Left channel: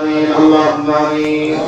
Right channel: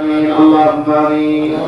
آمين اللهم آمين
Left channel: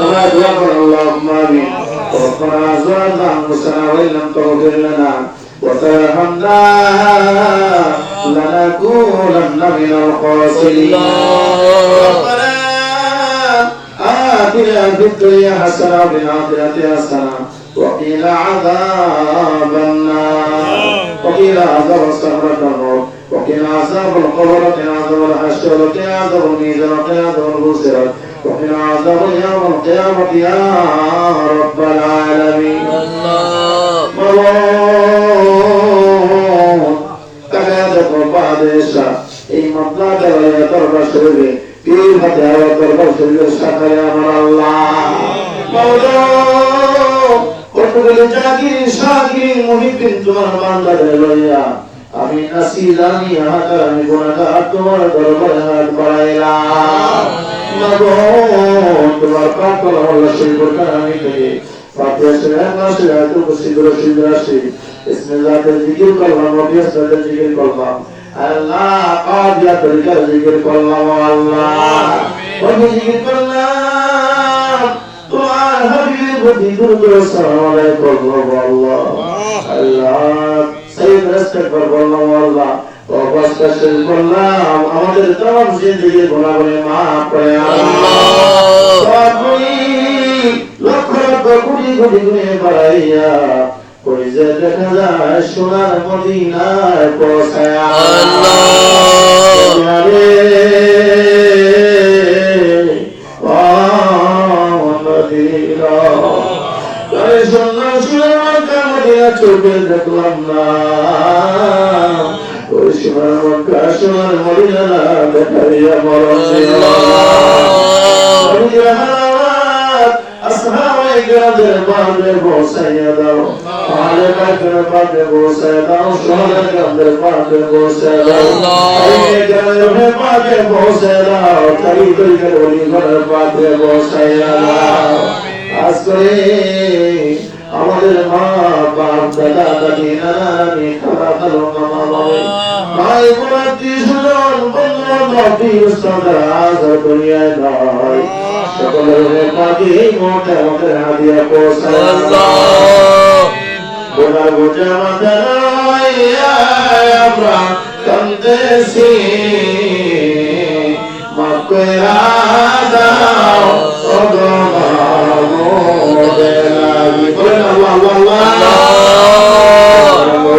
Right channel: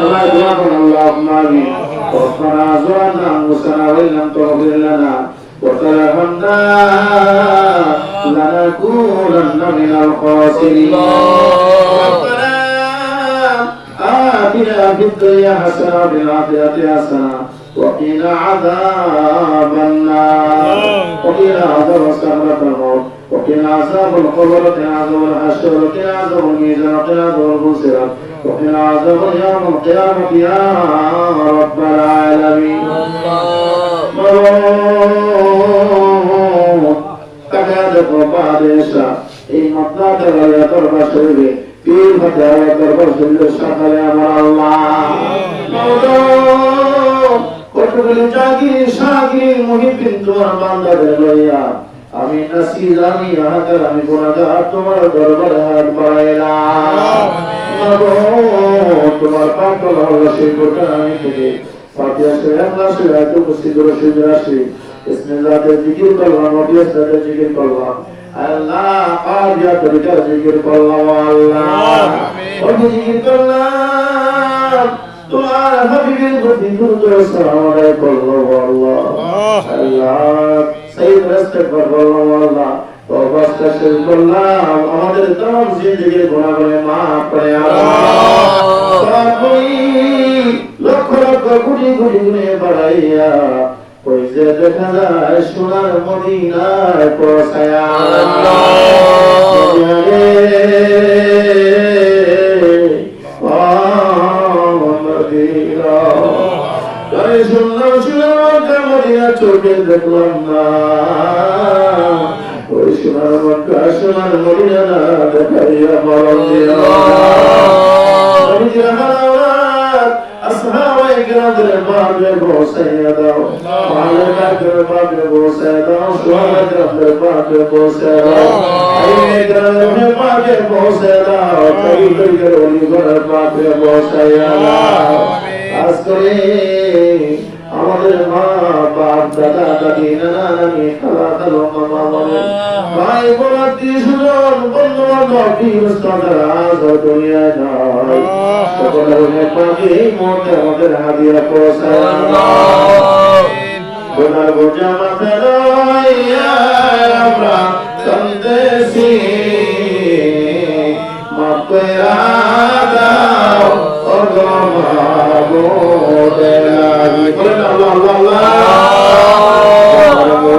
ولا تغفر اللهم آمين ربنا ظلمنا أنفسنا وإن لم تغفر لنا وترحمنا لنكونن من الخاسرين ربنا آتنا في الدنيا حسنة وفي الآخرة حسنة وقنا عذاب النار وقنا عذاب سكرة الموت وقنا عذاب القبر وقنا عذاب الحشر وقنا عذاب الميزان وقنا عذاب البصيرة وقنا عذاب يوم القيامة يا رب العالمين مرون تكاد قربا ديشا এই মতনাতে রইয়া দরবার শরীরে পীর হাতে আলো দরবার শরীরে শাখা ইয়া আল্লাহ মাওলা কতগুলো জাগির শাগির মুহিবিন তোমার বান্দাদের লইয়া আমি নাসির আমি হাজার আমি গুণাগার, তোমার দরবারে হাত বাড়াইলাম। তোমার পাকল হল গোটা আমি থেকে জিকির করলাম জিকির করলাম। আল্লাহ কাজিয়া তরিকা জিকির করলাম, আল্লাহ। জিকির করলাম। তোমার হাবিবের প্রতি দ্রুত সালাম আলাইহি করলাম আল্লাহ। আল্লাহ। সাইয়্যিদ রাস্তায় করলাম আল্লাহ অবস্থা শেষ করলাম। আমাদের তমাম জিন্দিগির গুণাগুলি মাফ করে আল্লাহ। লক্ষ লক্ষ কোটি কোটি গুণে বাড়াইয়া কই যে দেখা যায় সোনার মদিনায় পৌঁছায়া দিয়া চোখে দেখলাম না ওই সোনার মক্কা, সোনার মদিনা, দেখাইয়া মরণ আসমানের বাদে বসাইয়া দাও, পাহাড়ে কাদের বাদে বসাইয়া দাও সোনার কাদের বাদে বসাইয়া দাও। আজকে بوسيا داو أسكري আমাদের মা বাপ দাদা দাদি নানা নানি খালা খালো মামা মামা ভাই বোন আত্মীয় স্বজন বন্ধু বান্ধব বীর সদা আজ দুনিয়ায় নাই সকলের নেপাকে মোটে আমাদের হাদিয়া পৌঁছায় গোটা গোটা মাথায় আমরা কান্দেছি মাফ করে দাও ও গো মাগো দেলাবি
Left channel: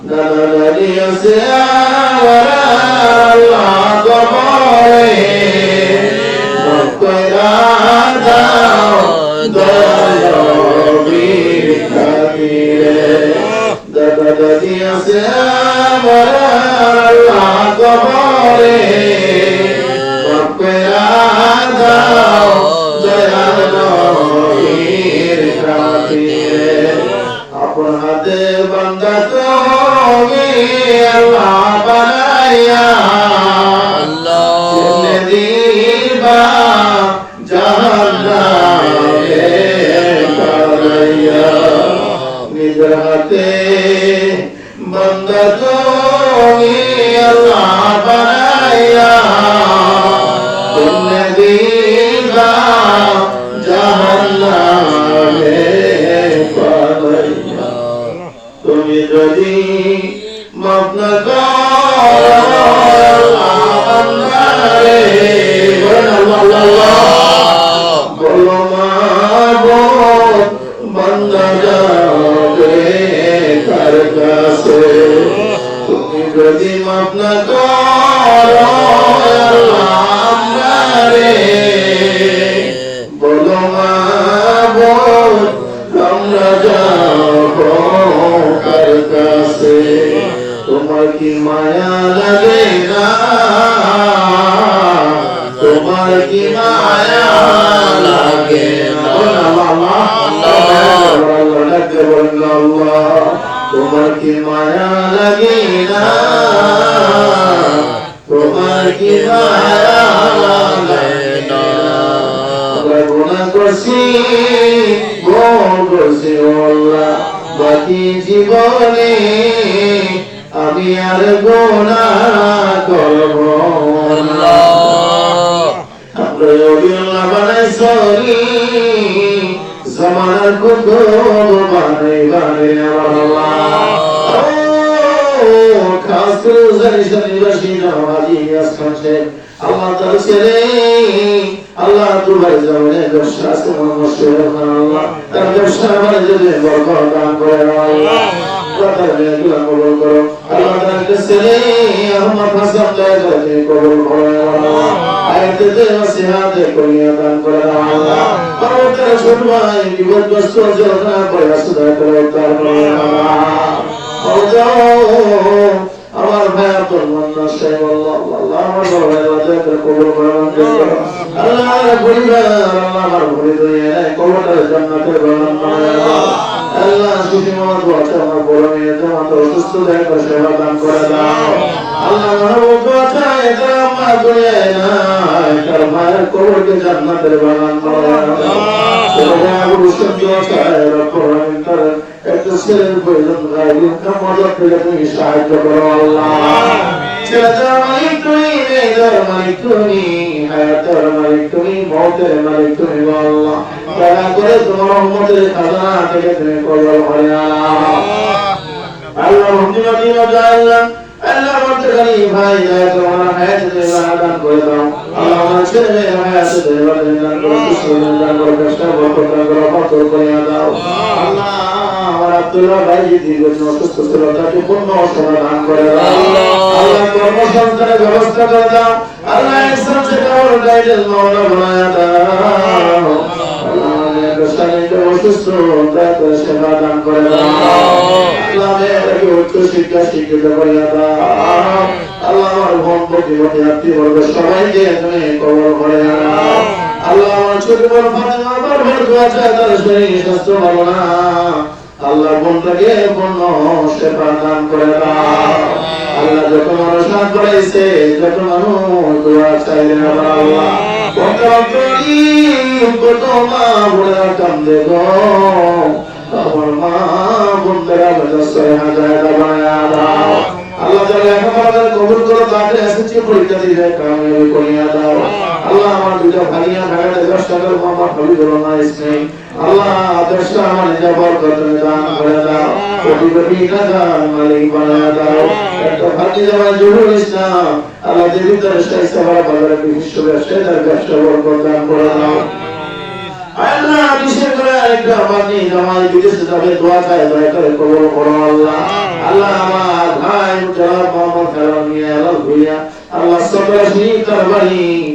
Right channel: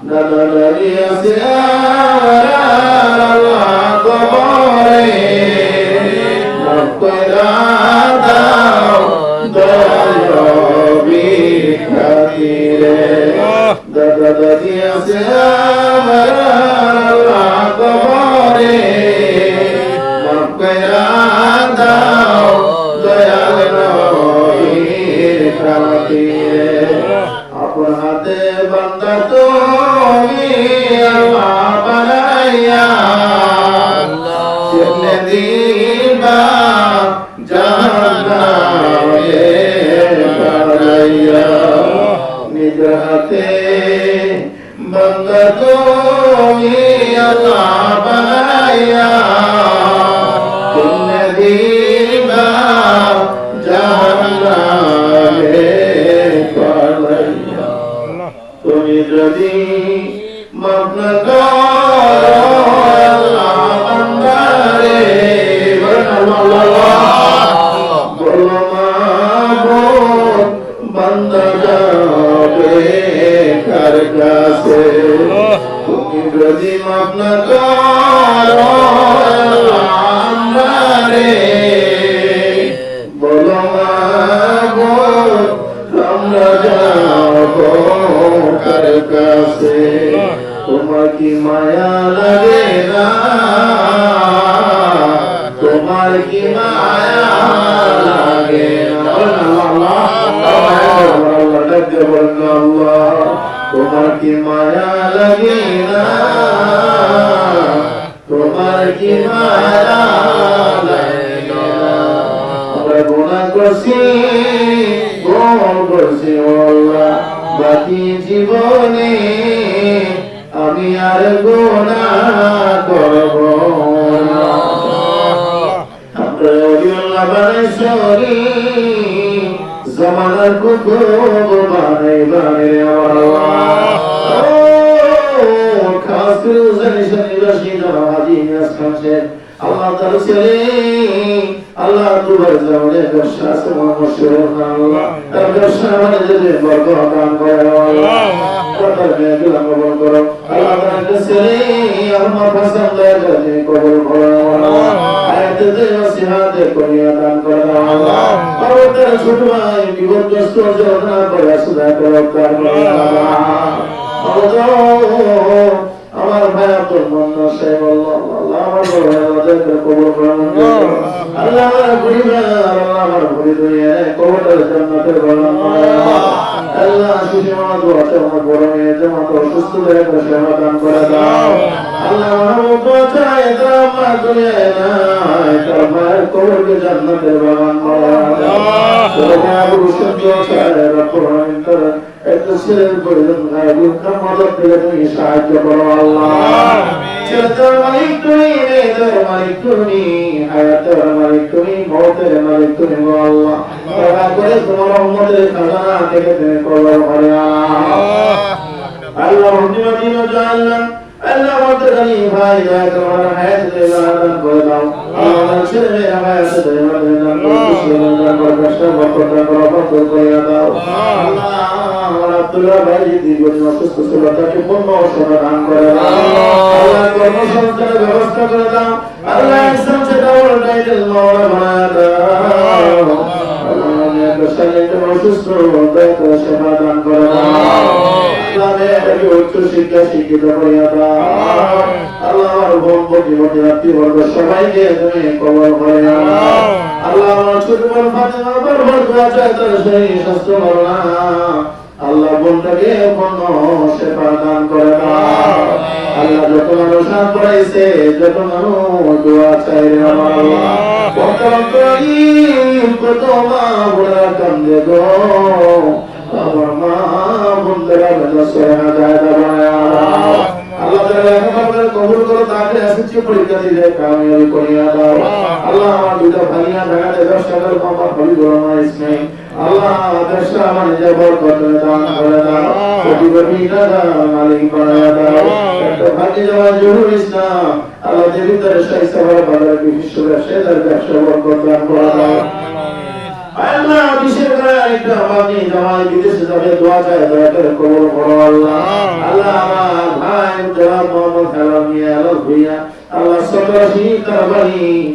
গোটা মাথায় আমরা কান্দেছি মাফ করে দাও ও গো মাগো দেলাবি দাদা দাদি আছে আমার আল্লাহ কবরে মাফ কইরা দাও দয়াল নবীর খাতিরে আপন হাতে বান্দা তুমি আল্লাহ বানাইয়া কেমনে দিবা জাহান্নামে বানাইয়া নিজ হাতে বান্দা তুমি আল্লাহ বানাইয়া কি মায়া লাগে না। তোমার কি মায়া লাগে তোমার কি মায়া লাগে না? তোমার কি মায়া লাগে না? আমরা গুণা করছি গোল করছি, আল্লাহ বাকি জীবনে আমি আর গুনাহ করব না। আমরা বানাই সরি, জমানার কুকুর বানাই বানাই আল্লাহ। তার ছেলে, আল্লাহ তোমার জানে ব্যবসা ব্যবসা মানে আল্লাহ। তার তার আমার ফাসাদ লাগাতে কবল তার আমার ভাই আব্দুল মান্নান সাহেব আল্লাহ আল্লাহ আমার ভাই কবুল করো আল্লাহ আমার পরিবার আল্লাহ আমার পরিবার কবরটার জান্নাতের বাগান আল্লাহ আল্লাহ সুখী মামাত বাচ্চা আমার বড় মেয়েতে মাত্র অসুস্থ দেখে সেবা দান করে দাও। আল্লাহ আমার বাচ্চা এটা আমার দুনিয়ায় না এটা করে করে সাহায্য করো তুমি মেয়েটার মালিক তুমি, হায়াতের দয়া করে তোমার রহমতের খাজানা থেকে তুমি আল্লাহ মহিমা দিমা জাআল্লাহ আল্লাহ। আমাদের গানি ভাই দয়া আমার হায়াত দান করে দাও। আমার ছেলে মেয়ে হায়াত দেওয়া দান করে কুশল দান করে কষ্ট দান করে বরকত করে দাও। আল্লাহ আমার আব্দুল্লাহ ভাই দীর্ঘদিন অসুস্থ ছিল তাকে পূর্ণ সেবা দান করে দাও। আল্লাহ কর্মসংস্থানের ব্যবস্থা করে দাও। আল্লাহ ইসলাম সেটা বড় টাইটেল মাওলা বানায় দাও। আল্লাহ আমার আল্লাহ আমার ছোট শরীর স্বাস্থ্য ভালো না আল্লাহ বোনটাকে পূর্ণ সেবা দান করে দাও আল্লাহ যত মানুষ হাত বাড়াইছে যত মানুষ চাই আল্লাহ। আমার মা বন্ধুরা আল্লাহ কবুল করে তাকে এসেছি পরীক্ষা দিয়ে কামিয়াবি করিয়া দাও। আল্লাহ আমার দুটো ভাইয়া ভাগাতে দর্শকের মামা হাবিবুর রহমান ইসমাইল আল্লাহ আদর্শ আমার জবর কত দান করে দাও। কোটি কোটি টাকা মালিক বানায় দাও। একটা ভাগ্য জমা জহুর ইসলাম আল্লাহ দেবী তার সেই সবার ভালো বিশ্ব ব্যবসায় তার ব্যবসা বরকত দান করে দাও। আল্লাহ বিশেষ করে একটা আমাকে জামাই বিদেশে যাবে দোয়া চাই দয়া করে কবল করো আল্লাহ। আল্লাহ আমার ভাই জনাব মোহাম্মদ খালাম মিয়া আল্লাহ ভুইয়া। আল্লাহ সবাই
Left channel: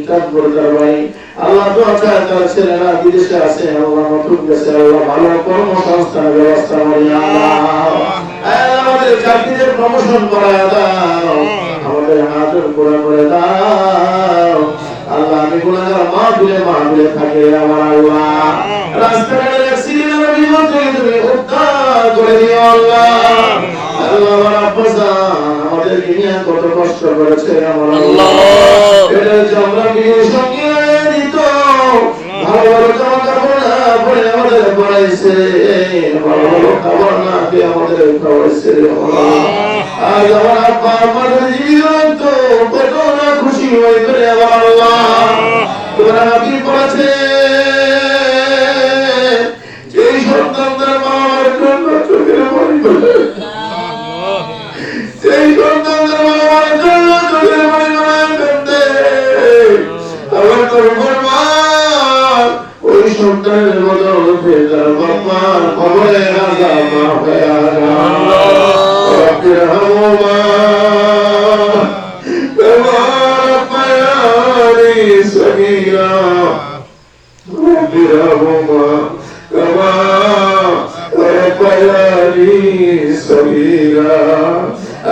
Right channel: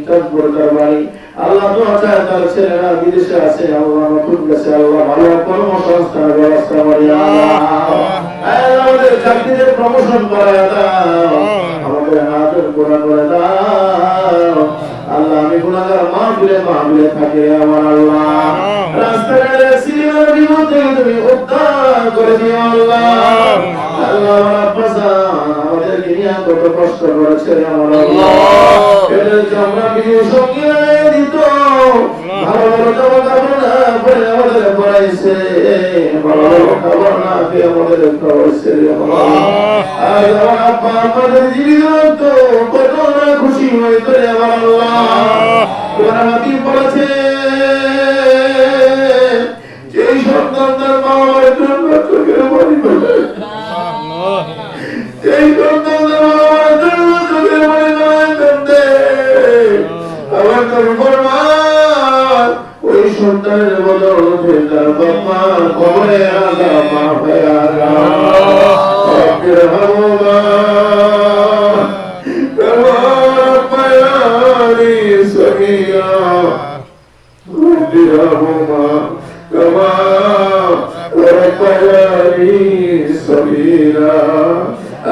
চাঁদপুর তার বাড়ি আল্লাহ দোয়া চাই তার ছেলেরা বিদেশে আছে আল্লাহ মতুক গেছে আল্লাহ ভালো কর্মসংস্থানের ব্যবস্থা করে আল্লাহ আল্লাহ আমাদের চাকরিতে প্রমোশন করে দাও। আমাদের হাতের করে করে দাও। আল্লাহ আমি গুনাহগার মা ভুলে মা ভুলে থাকে আমার আল্লাহ। রাস্তাঘাটে অ্যাক্সিডেন্টের বিপদ থেকে তুমি উদ্ধার করে দিও আল্লাহ। আল্লাহ আমার আব্বা জান আমাদের নিয়ে কত কষ্ট করেছে আমার আল্লাহ। আমরা খুশি হয়ে করে সেই সন্তানদের মা বাবার জন্য চোখের পানি ফেলায় ফেলতে আমার তোর ফরমান ওই সন্তানের বদলে তার বাবার খবরে আজা মা হয়ে আজা رب ارحمهما كما ربياني صغيرا رب ارحمهما كما ربياني صغيرا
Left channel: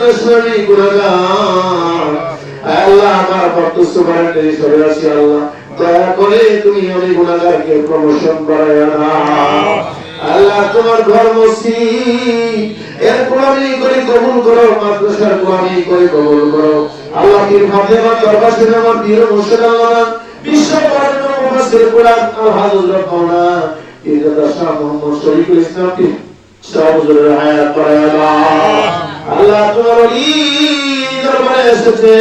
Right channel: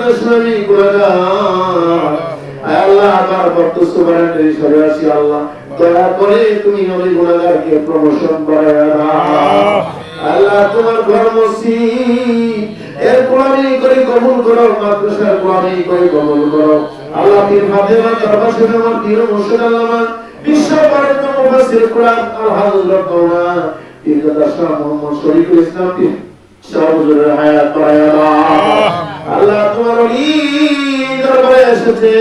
আমি করে আল্লাহ আমার ভক্ত সুবহানাল্লাহ হিসেবে আছি আল্লাহ। দয়া করে তুমি ওই গুনাহগারকে প্রমোশন করে দাও আল্লাহ, তোমার ঘর মসজিদ এর গোলামি করে কবুল করো, মাদ্রাসার গোলামি করে কবুল করো। আল্লাহ, পীর ফাতেমা দরবার আমার পীর মুর্শিদ আল্লাহ বিশ্ব পাড়িত মুফাসসির কোরআন আল হাজুর রব্বানা ইদাদা শাহ মোহাম্মদ শরীফুল ইসলাম পীর শাহ হুজুরের হায়াত বাড়ায় আল্লাহ আল্লাহ তোমার দরবারে এসেছে।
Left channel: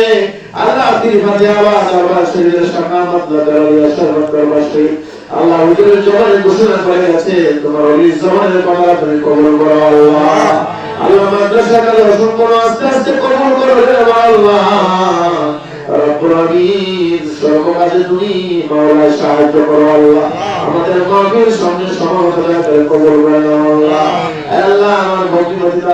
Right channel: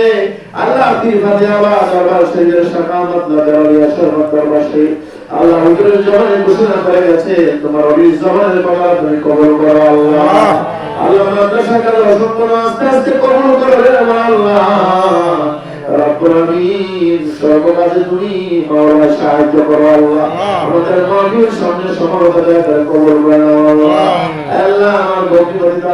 আল্লাহ পীর ফাতেমা দরবার শরীফের শাকামত নগরিয়া শরবত দরবার শরীফ আল্লাহ হুজুরের জবানে ঘোষণা করে গেছে তোমার ওলি জবানের কথা তুমি কবুল করো, আল্লাহ। আল্লাহ মাদ্রাসা কালে সম্পূর্ণ আস্তে আস্তে কবুল করো রে আল্লাহ। আমাদের মাহফিল সামনে সমাগত করে কবুল করে